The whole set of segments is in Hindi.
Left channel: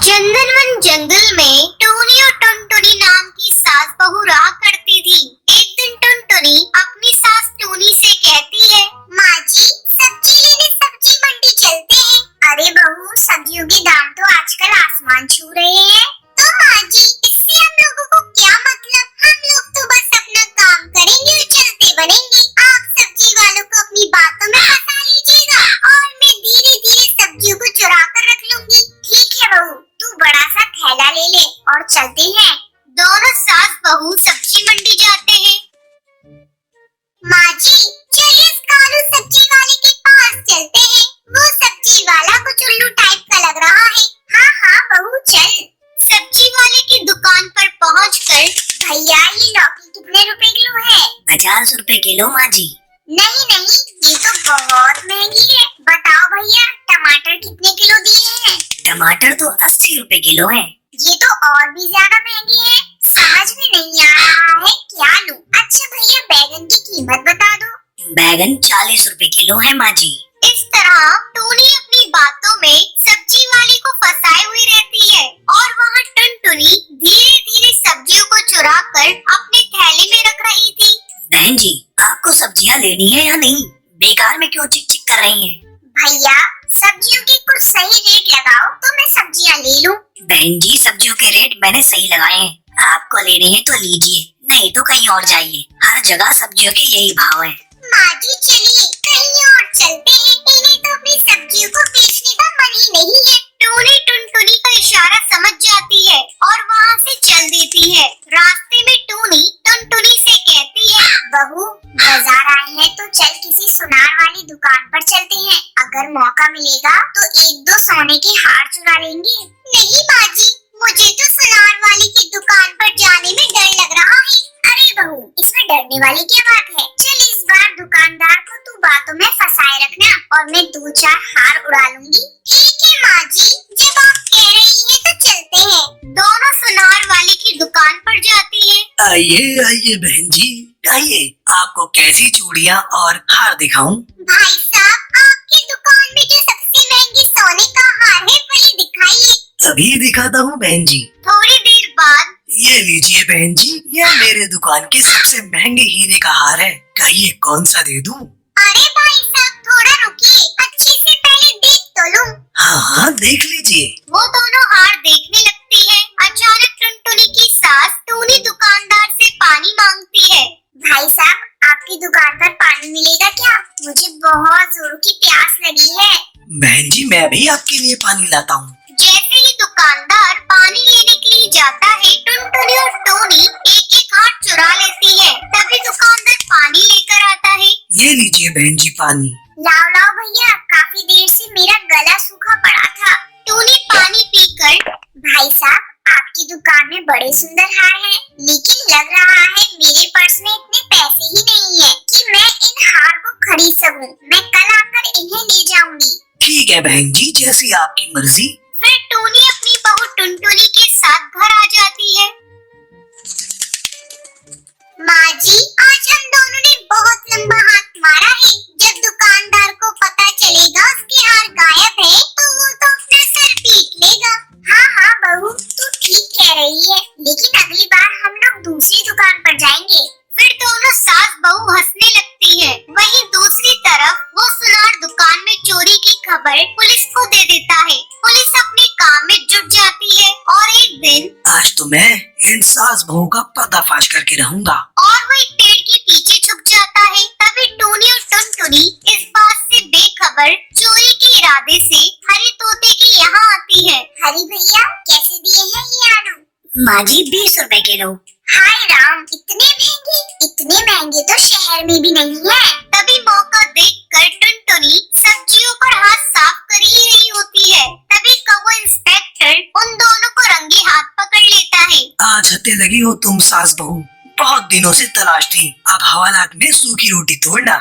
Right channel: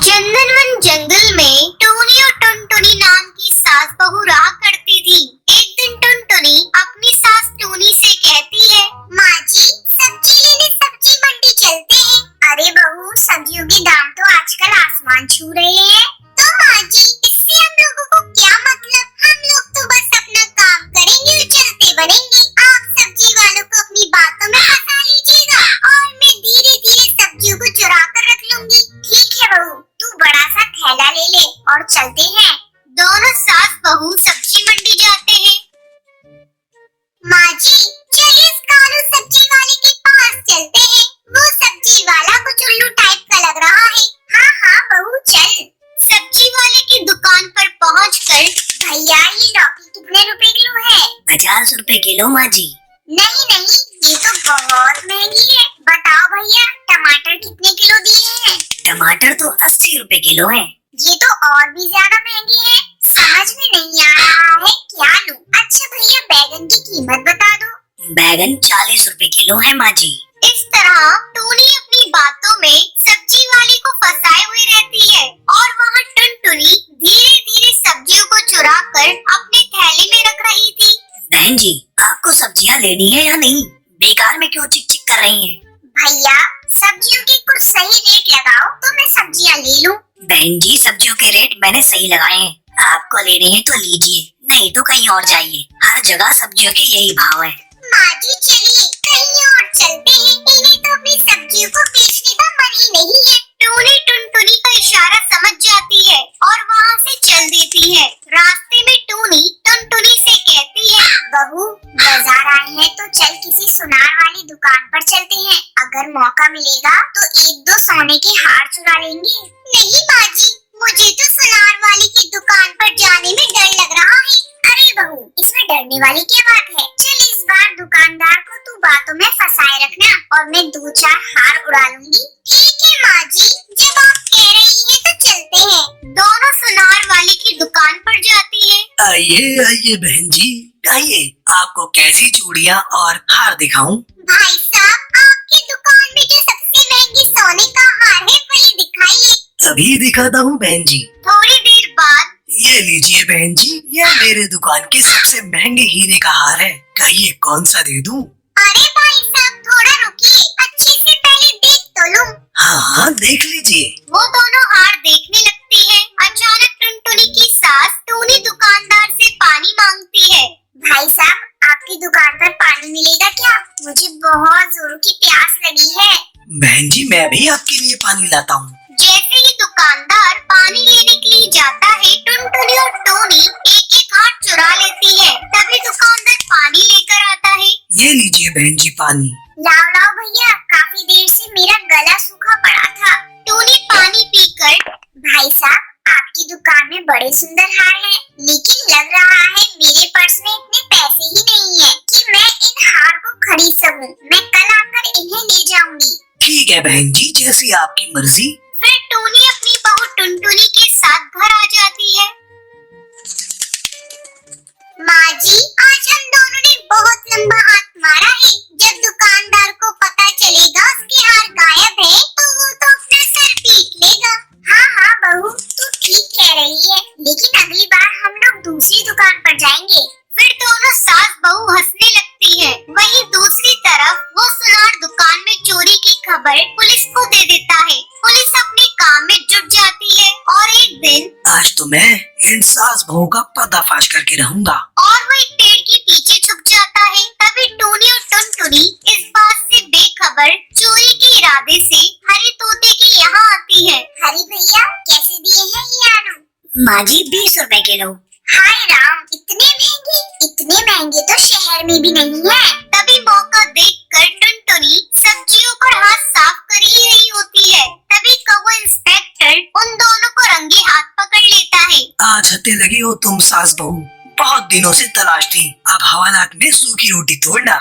चंदनवन जंगल में टूनी और टुनटुनी नाम की सास बहू रहा करती थी। एक दिन टुनटुनी अपनी सास टूनी से कहती है, माँ जी सब्जी लेने सब्जी मंडी चलते हैं। अरे बहू, सब्जियों के दाम तो आजकल आसमान छू रहे हैं। तो माँ जी, इससे हम लोगों को क्या मतलब? हम लोग तो बस अपना काम करेंगे और चलते बढ़ेंगे। आप सब्जी वालों को अपनी बातों में फंसा लीजिएगा और मैं धीरे धीरे सब्जियों को चुरा कर रख लूंगी। ठीक है बहू, तू बड़ा सा थैला ले ले और चलते हैं। दोनों सास बहू सब्जी मंडी जाते हैं। माँ जी, चलिए इस कालू सब्जी वाले के पास चलते हैं। वो सब्जी वाला कुछ उल्लू टाइप का लग रहा है। हाँ हाँ बहू, चल। सब्जी वाले की दुकान पर पहुंचकर, भैया ये लौकी कितने रुपए किलो है? 50 रुपए किलो माँ जी। नहीं नहीं, ये तो बहुत महंगी है। बताओ भैया, टमाटर कितने किलो दिए हैं? टमाटर तो 80 रुपए किलो है। ये तो और भी ज्यादा महंगी है। समझ में नहीं आ रहा है क्या लूं। अच्छा भैया, बैगन की कीमत बता दो। बैगन 40 रुपए किलो है माँ जी। इस तरह टूनी अपनी बातों में सब्जी वाले को फंसाए हुए रहती है और वहाँ टुनटुनी धीरे धीरे सब्जियों को चुरा कर अपने थैले में रख रही थी। बहन जी, आपको सब्जियाँ लेनी है या नहीं? बेकार में क्यों चिक चिक कर रही हैं? भैया, सब्जियों के कुछ सही रेट लगाओ तो मैं सब्जियाँ ले लूं। बहन जी, सब्जियों के रेट मैंने सही लगाए हैं। आपको लेनी है तो लीजिए, नहीं तो कहीं और जाइए। हर जगह सब्जियों के यही भाव है। माँ जी चलिए कहीं और चलते हैं। इन्हें तो अपनी सब्जियों को बेचने का मन ही नहीं है। टूनी टुनटुनी का इशारा समझ जाती है और वहाँ से चल देती है। रास्ते में टूनी टुनटुनी से कहती है, बहू बाजार आए हैं तो चल किसी सुनार वाली दुकान पर चलते हैं। अगर मौका मिलेगा तो एक दो सोने के हार चुरा लेंगे। नहीं माँ जी, मुझे तो सुनार वाली की दुकान पर जाने में डर लग रहा है। अरे बहू, इसमें डरने वाली क्या बात है? चल इस बार दुकानदार को तू बातों में फंसाए रखना और मैं 2-4 हार उड़ा लूंगी। ठीक है माँ जी, जब आप कह रही हैं तो चलते हैं। दोनों सुनार वाले की दुकान पर जाती है। आइए आइए बहन जी, आइए, आपको कैसी चूड़ियाँ और हार दिखाऊं? भाई साहब, आपकी दुकान में जो सबसे महंगी सोने का हार है वही दिखाइए। अभी दिखाता हूँ बहन जी। थोड़ी देर बाद, ये लीजिए बहन जी, यह मेरे दुकान के सबसे महंगे हीरे का हार है। कहिए कौन सा दे दूं? अरे भाई साहब थोड़ा रुकिए, अच्छे से पहले देख तो लूं। हाँ हाँ, देख लीजिए। वो दोनों हार देखने लगती है। अचानक टुनटुनी की सास टूनी दुकानदार से पानी मांगती है। भाई साहब, आपकी दुकान पर पानी मिलेगा क्या? मुझे बहुत जोरों की प्यास लगी है। बहन जी, मैं भी आपके लिए पानी लाता हूँ। जैसे ही दुकानदार पानी लेने के लिए जाता है, टुनटुनी और टोनी एक एक हार चुरा लेती है। तभी दुकानदार पानी लेकर आता है। ये लीजिए बहन जी पानी। लाओ लाओ भैया, काफी देर से मेरा गला सूखा पड़ा था। टूनी पानी पीकर, भाई साहब आपकी दुकान में बड़े सुंदर हार हैं, लेकिन लग रहा है मेरे पर्स में इतने पैसे ही नहीं है कि मैं इन हार को खरीद सकूं। मैं कल आकर इन्हें ले जाऊंगी। ठीक है बहन जी, जैसी आपकी मर्जी। फिर टूनी अपनी बहू टुनटुनी के साथ घर आ जाती है। माँ जी, आज हम दोनों ने बहुत लंबा हाथ मारा है। जब दुकानदार को पता चलेगा उसके हार गायब है तो वो तो अपना सर पीट लेगा। हाँ हाँ बहू, तू ठीक कह रही है, लेकिन अगली बार हम लोग दूसरी दुकान पर जाएंगे। फिर दोनों सास बहू हंसने लगती है। वहीं दूसरी तरफ वो सुनार दुकान में चोरी की खबर पुलिस को दे देता है। पुलिस अपने काम में जुट जाती है और एक दिन, आज तो मैं इन सास बहू का पर्दाफाश करके रहूंगा। और वो एक पेड़ के पीछे छुप जाता है। तभी टूनी और टुनटुनी इस बात से बेखबर चोरी के इरादे से हरी तोते के यहाँ आती है। हरी भैया, कैसे दिए हैं ये आलू? माँ जी 20 रुपए किलो। हाय राम, इतने महंगे? इतने महंगे तो शहर में भी नहीं है। तभी मौका देखकर टुनटुनी सब्जियों पर हाथ साफ कर ही रही होती है। तभी कौवा इंस्पेक्टर उन दोनों को रंगे हाथ पकड़ लेता है। आज हत्ते लगी हो तुम सास बहू, बहुत दिनों से तलाश थी। अब हवालात में सूखी रोटी तोड़ना।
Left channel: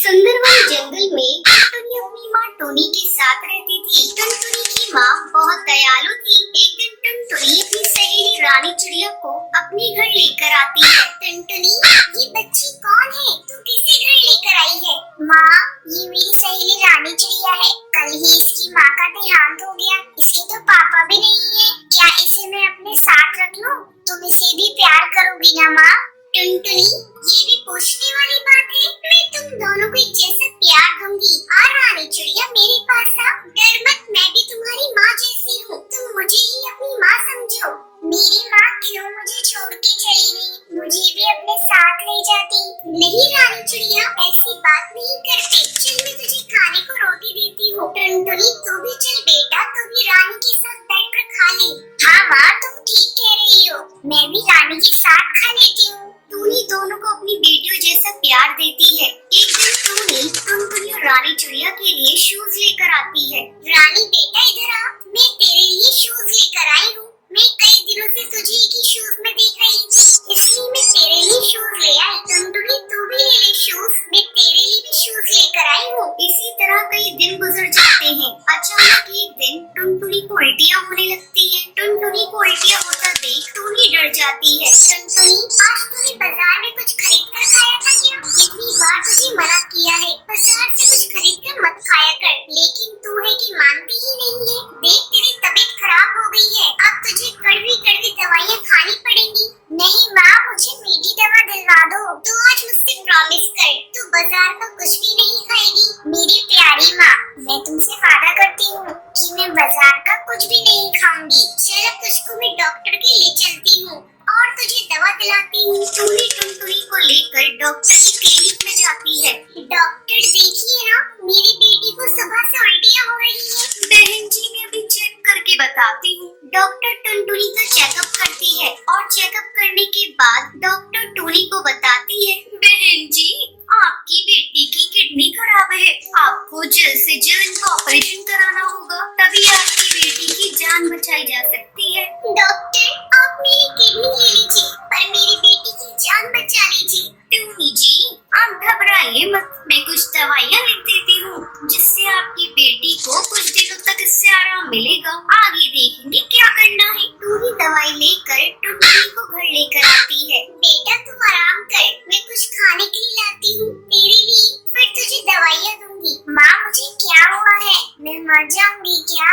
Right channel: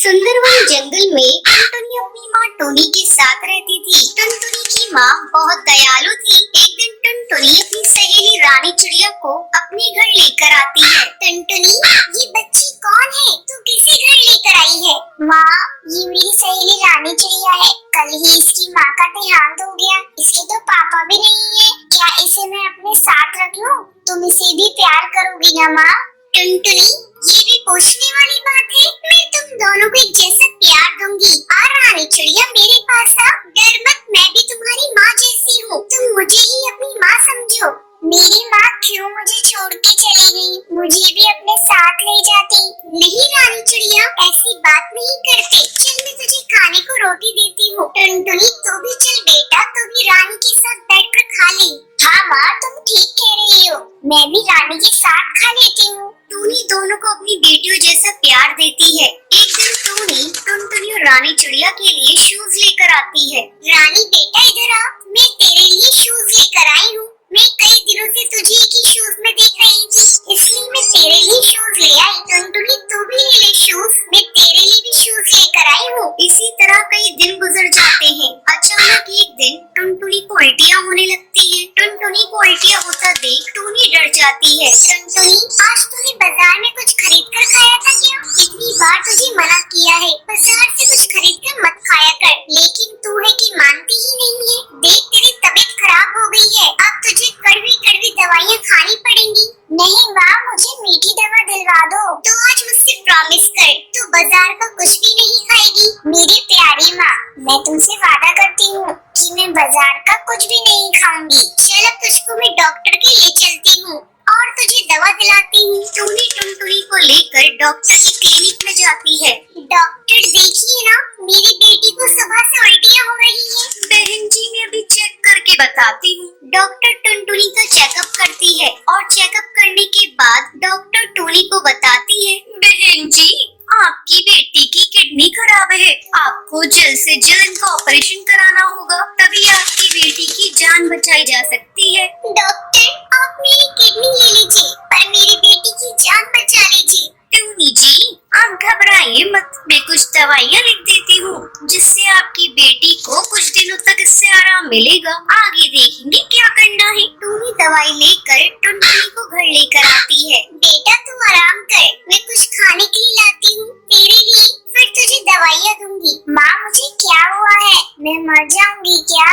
सुंदरवन जंगल में टुनटुनी अपनी माँ टोनी के साथ रहती थी। टुनटुनी की माँ बहुत दयालु थी। एक दिन टुनटुनी अपनी सहेली रानी चिड़िया को अपने घर लेकर आती है। टुनटुनी, ये बच्ची कौन है? तू किसे घर लेकर आई है? माँ, ये मेरी सहेली रानी चिड़िया है। कल ही इसकी माँ का देहांत हो गया। इसके तो पापा भी नहीं है। क्या इसे मैं अपने साथ रख लूं? तुम इसे भी प्यार करोगी ना माँ? टुनटुनी, ये भी पूछने वाली बात है। मैं तुम दोनों को एक जैसा प्यार दूंगी। आ रानी चिड़िया, मेरे पास आ। डर मत, मैं भी तुम्हारी माँ जैसी हूँ। तुम मुझे ही अपनी माँ समझो। मेरी माँ क्यों मुझे छोड़ के चली गई? मुझे भी अपने साथ ले जाती। नहीं रानी चिड़िया, ऐसी बात नहीं करते। चल, मैं तुझे खाने को रोटी देती हूँ। टुनटुनी, तू भी चल बेटा, तू भी रानी के साथ बैठकर खा ले। हाँ माँ, तुम ठीक कह रही हो। मैं भी रानी के साथ खा लेती हूँ। टूनी दोनों को अपनी बेटियों जैसा प्यार देती है। एक दिन टूनी टुनटुनी और रानी चिड़िया के लिए शूज लेकर आती है। रानी बेटा, इधर आ, मैं तेरे लिए शूज लेकर आई हूँ। मैं कई दिनों से तुझे एक ही शूज में देख रही थी, इसलिए मैं तेरे लिए शूज ले आई। टुनटुनी, तू भी ले ले शूज। मैं तेरे लिए भी शूज लेकर आई हूँ। इसी तरह कई दिन गुजर जाते हैं। अचानक एक दिन टुनटुनी को उल्टियाँ होने लगती है। टुनटुनी को उल्टियाँ होता देख टूनी डर जाती है। टुनटुनी, आज तूने बाजार में कुछ खरीद कर खाया था क्या? इतनी बार तुझे मना किया है, बाजार से कुछ खरीद कर मत खाया कर, लेकिन तू है कि मानती ही नहीं है। देख, तेरी तबीयत खराब हो गई है। अब तुझे कड़वी कड़वी दवाइयाँ खानी पड़ेंगी। नहीं माँ, मुझे मीठी दवा दिलवा दो। तो आज मुझसे प्रॉमिस कर, तू बाजार का कुछ भी नहीं खाएगी। मेरी प्यारी माँ, मैं तुमसे वादा करती हूँ कि मैं बाजार का कुछ भी नहीं खाऊंगी। चल, अब तुझको मैं डॉक्टर के लिए चलती हूँ और तुझे दवा दिलाती हूँ। टूनी टुनटुनी को लेकर डॉक्टर की क्लिनिक में जाती है। डॉक्टर, देखिए ना, मेरी बेटी को सुबह से उल्टियाँ हो रही है। बहन जी, मैं अभी चेक करके बताती हूँ। डॉक्टर टुनटुनी का चेकअप करती है और चेकअप करने के बाद डॉक्टर टूनी को बताती है, बहन जी, आपकी बेटी की किडनी खराब है। आपको जल्द से जल्द इनका ऑपरेशन कराना होगा, तभी आपकी बेटी की जान बचाई जा सकती है। डॉक्टर, आप मेरी किडनी ले लीजिए, पर मेरी बेटी की जान बचा लीजिए। टूनी जी, आप घबराइए मत, मैं कुछ दवाइयाँ लिख देती हूँ, जिससे आपकी बेटी को कुछ दिनों तक इससे आराम मिलेगा। आगे देखेंगे क्या करना है। टूनी दवाई लेकर टुनटुनी को घर लेकर आती है। बेटा, तू आराम कर, मैं कुछ खाने के लिए लाती हूँ तेरे लिए, फिर तुझे दवाइयाँ दूंगी। माँ, मुझे क्या हुआ है? मैं मर जाऊंगी क्या?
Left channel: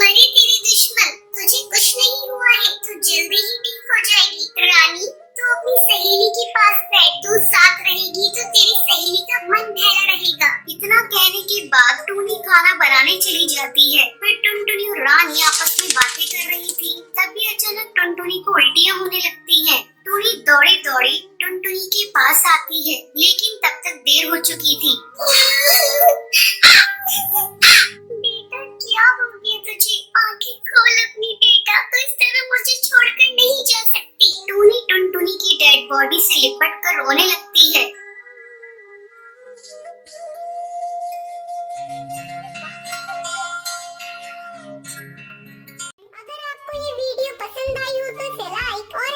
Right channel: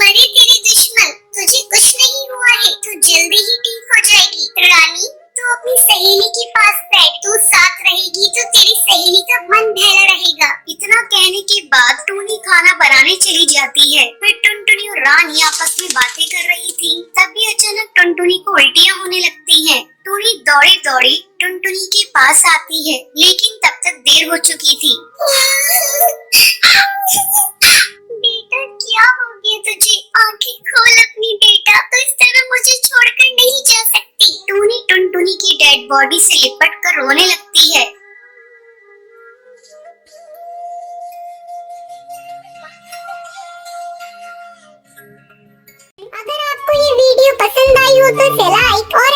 मरे तेरे दुश्मन, तुझे कुछ नहीं हुआ है, तू जल्दी ही ठीक हो जाएगी। रानी, तू अपनी सहेली के पास बैठ, तू साथ रहेगी तो तेरी सहेली का मन बहला रहेगा। इतना कहने के बाद टूनी खाना बनाने चली जाती है। फिर टुनटुनी और रानी आपस में बातें कर रही थी। तभी अचानक टुनटुनी को उल्टियाँ होने लगती हैं। टूनी दौड़े दौड़े टुनटुनी के पास आती है, लेकिन तब तक देर हो चुकी थी। बेटा, क्या हो गया तुझे? आंखें खोल अपनी बेटा, तो इस तरह मुझे छोड़कर नहीं जा सकती। टूनी टुनटुनी की डेड बॉडी से लिपट कर रोने लगती है। अगर आपको ये वीडियो पसंद आई हो तो लाइक और